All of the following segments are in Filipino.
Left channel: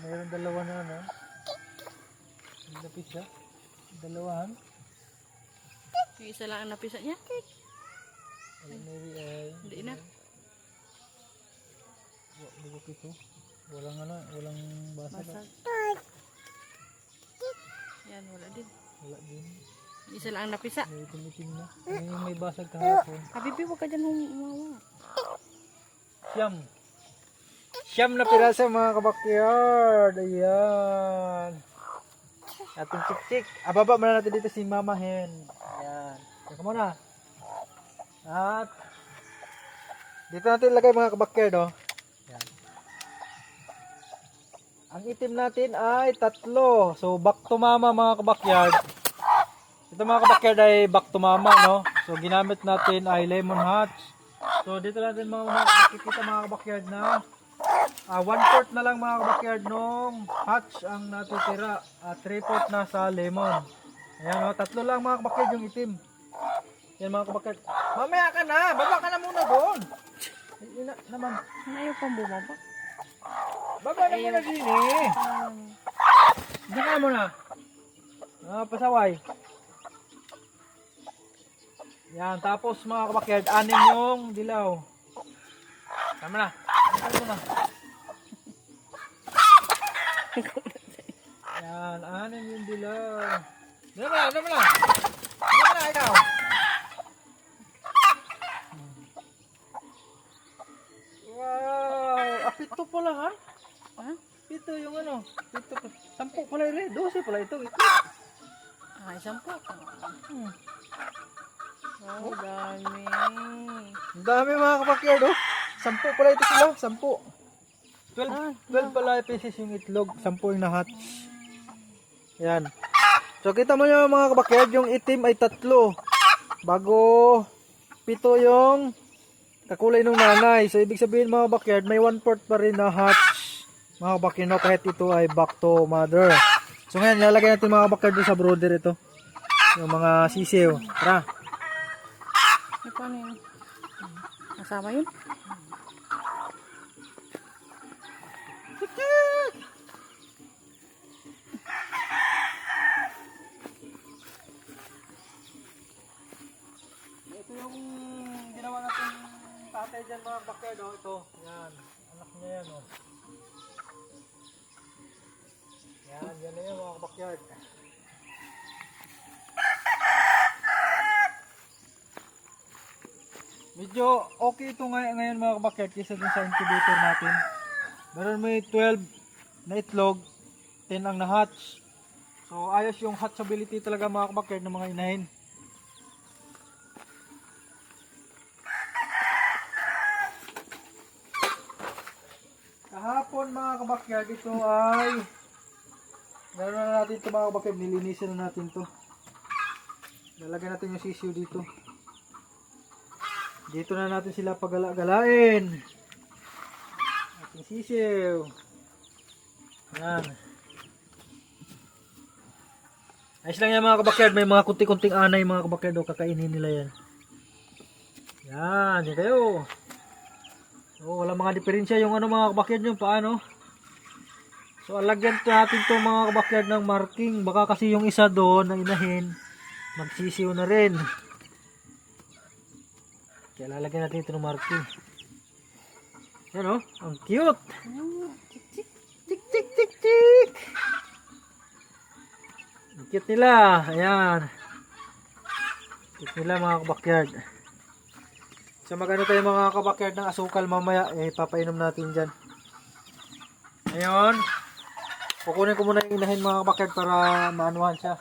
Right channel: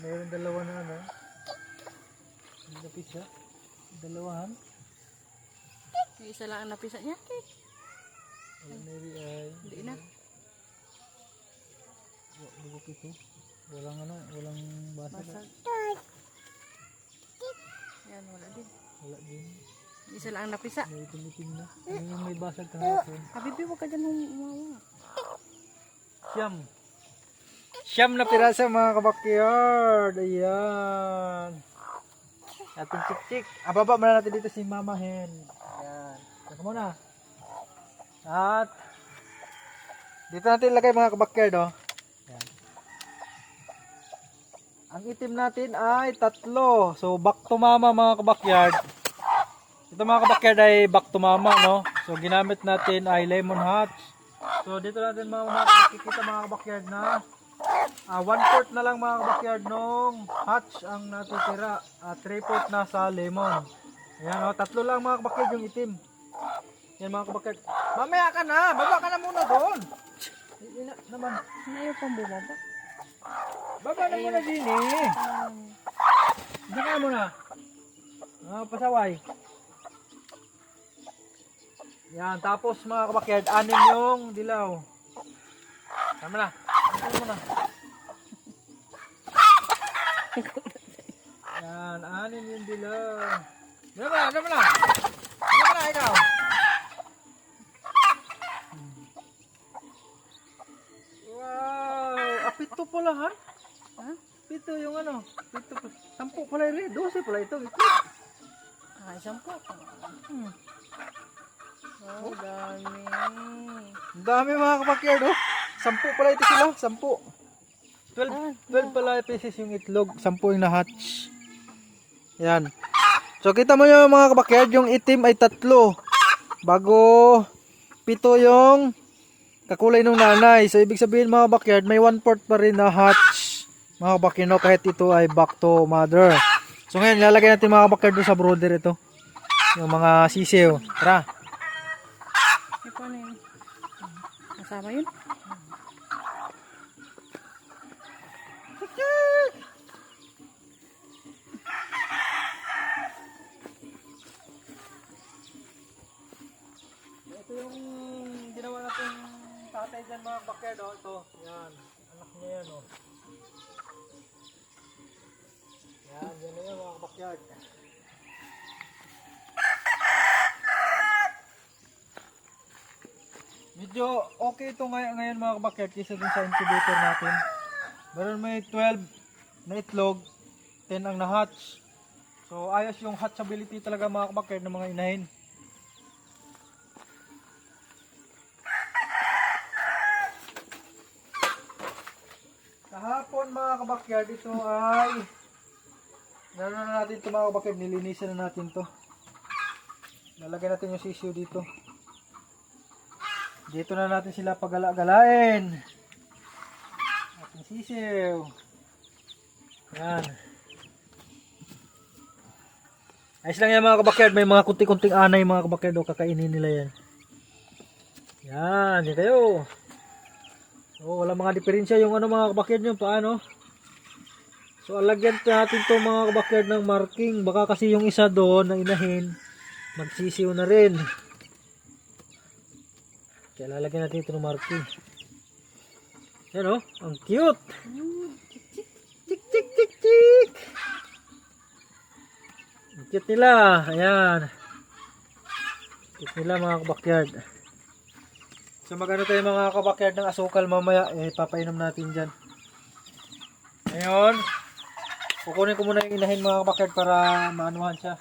Mayroon dalawa na ano. Napisa. Dalawahan. Yung isa lang ang napisa niya. Maybe ay. Hindi na. Bugok ito. Walang ano, walang basag. Basag. Yan, wala din. Wala din. Yung isa lang ang napisa. May itim-itim na. Ano yung may basag kahapon? Habibi, huwag ka dyan umawa. Siyam na pirasa mga kabakyard. Ayan. Ating tik-tik. Ababa muna natin dito si Mama Hen. Ayan. Teka muna. At dito natin ilagay mga kabakyard. Oh. Ayan. Ang itim natin ay 3. So back to mama mga kabakyard. Ito mga kabakyard ay back to mama, no? So ginamit natin ay lemon hatch. So dito natin makikita mga kabakyard na 1/4 na lang mga kabakyard nung hatch ang natitira at 3/4 na sa lemon. Ayan o, 3 lang mga kabakyard yung itim. Yan mga kabakyard. Mamaya ka na, baba ka na muna doon. Naman. Ayaw pang bumaba. Baba na muna din eh. Diyan ka muna. Pasaway. Yan, tapos mga kabakyard, 6 yung dilaw. Tama na. Ano mo na? Yan, 6 yung dilaw. Ano mo na? Ano mo na? Ano mo na ikaw? Wow! 7 pala ha? Ha? 7 yung ano? 7 pa. 10 pala yun. 12 pala ito. Ah, 10. Oh, dami. Ang dami mga kabakyard oh. 10 pala ito sila. 10. 12 pala pieces yung itlog. 10 yung na-hatch. Yan. So kita mo yung mga kabakyard, yung itim ay 3. Bago 7 yung kakulay ng nanay. So ibig sabihin mga kabakyard, may 1/4 pa rin na hatch. Mga kabakyard, no, kahit ito ay back to mother. So ngayon, lalagay natin mga kabakyard doon sa brooder ito. Yung mga sisiw. Tara. Ito ano yun? Kasama yun? Ito yung ginawa natin tatay dyan mga kabakyard. Oh. Ito. Yan. Anak niya yan. Oh. Yan. Yan na yan mga kabakyard. Medyo okay ito ngayon mga kabakyard kaysa dun sa incubator natin. Meron may 12 na itlog, 10 ang na-hatch. So ayos yung hatchability talaga mga kabakyard ng mga inahin. Kahapon mga kabakyard, ito ay meron na natin ito mga kabakyard, nilinisan na natin ito. Lalagyan natin yung sisiw dito. Dito na natin sila pagala-galain. Ating sisiw. Yan. Ayos lang yan mga kabakyard. May mga kunti-kunting anay mga kabakyard. Kakainin nila yan. Yan. Yan kayo. So, wala mga diferensya yung ano mga kabakyard nyo. Paano? So, alagyan natin to mga kabakyard ng marking. Baka kasi yung isa doon na inahin, magsisiw na rin. Kaya lalagyan natin ito ng marking. Yan oh, ang cute. Tik, tik. Tik tik tik tik. Ang cute nila. Ayan. Cute nila mga kabakyard. So magano tayo mga kabakyard ng asukal mamaya. Papainom natin dyan. Ngayon, kukunin ko muna yung inahin mga kabakyard para maanuhan siya.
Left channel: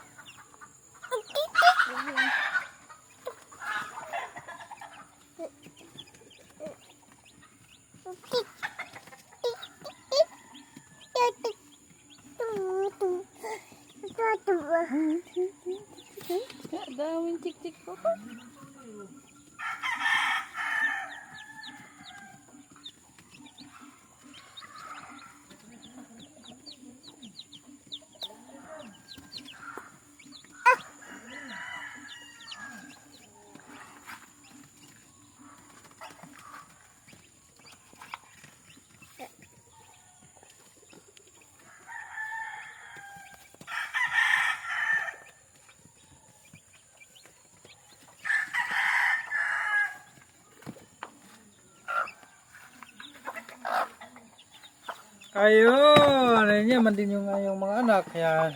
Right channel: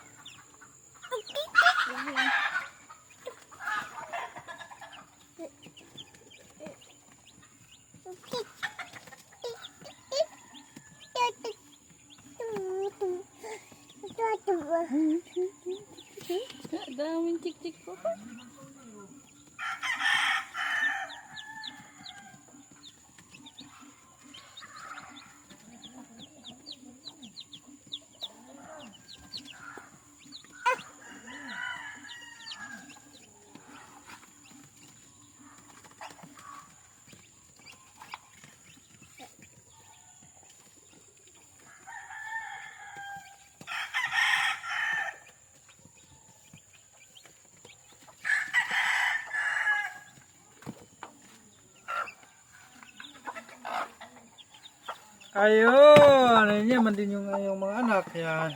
Daming tik-tik po. Ayun, ayun niya, man din yung mga anak. Yan.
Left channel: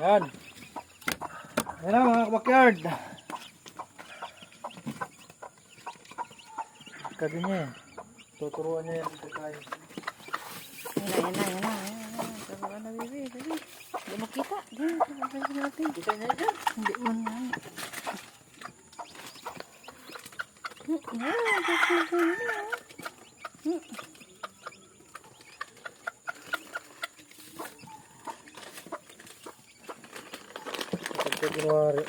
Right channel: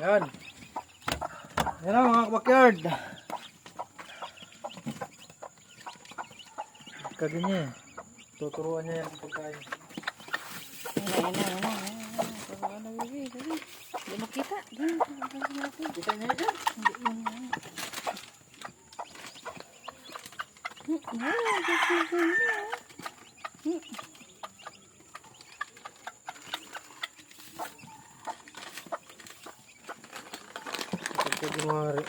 Yan. Yan na mga kabakyard. Kaganyan. Tuturuan niya yung pagkain. Yan na. Turuan na, baby. Dali. Hindi makita. Diyan, natin. Kita niya dyan. Hindi yun yan. Kapag February.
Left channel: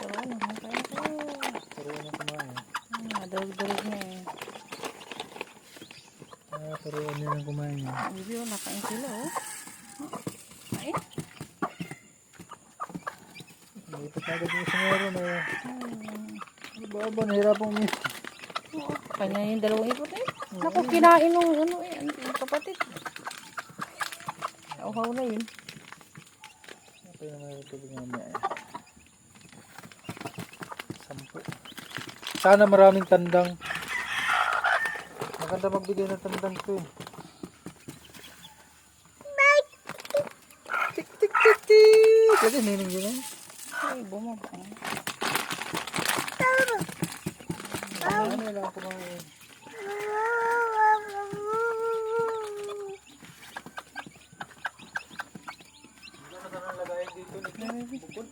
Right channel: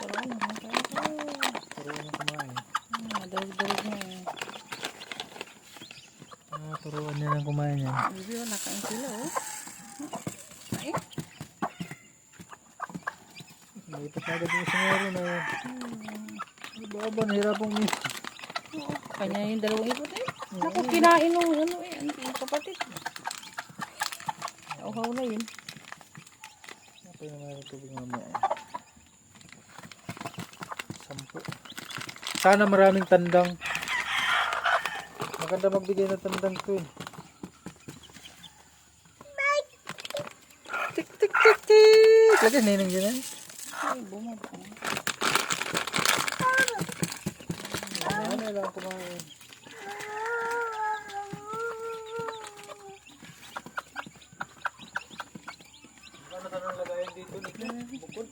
Turuan na kumain. Durug-durug niya eh. Turuan niya ng kumain niya. Bibi, nakain sila oh. Ay. Nalipat na agad yung isang meron na yun. Baba, nahirapang umis. Oo, kanya yung dalawang ikot eh. Naku, kinain nung ano eh, yung kapatid. Nauhaw na yun. Ito yung meron tubig mamaya. 10. Sana maraming tandang. Maganda magbigay ng tandang ko yun. Tik tik tik tik. Lagi ninang yun yan. Ay, bumaba. Ano lang kumain. Ano ba nang lagayin dito? Bukod.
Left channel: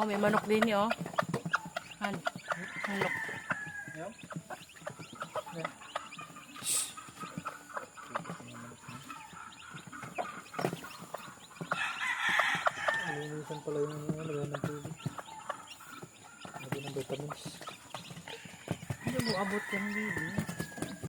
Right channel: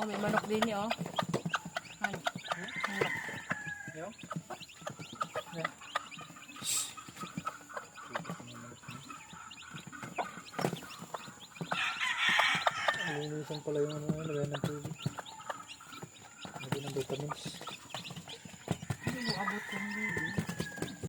Oh, may manok din niyo oh. Ano? Manok. Yan. Alinisan pala yung lagay ng tubig. Lagay ng vitamins. Ano mo abot yan, baby?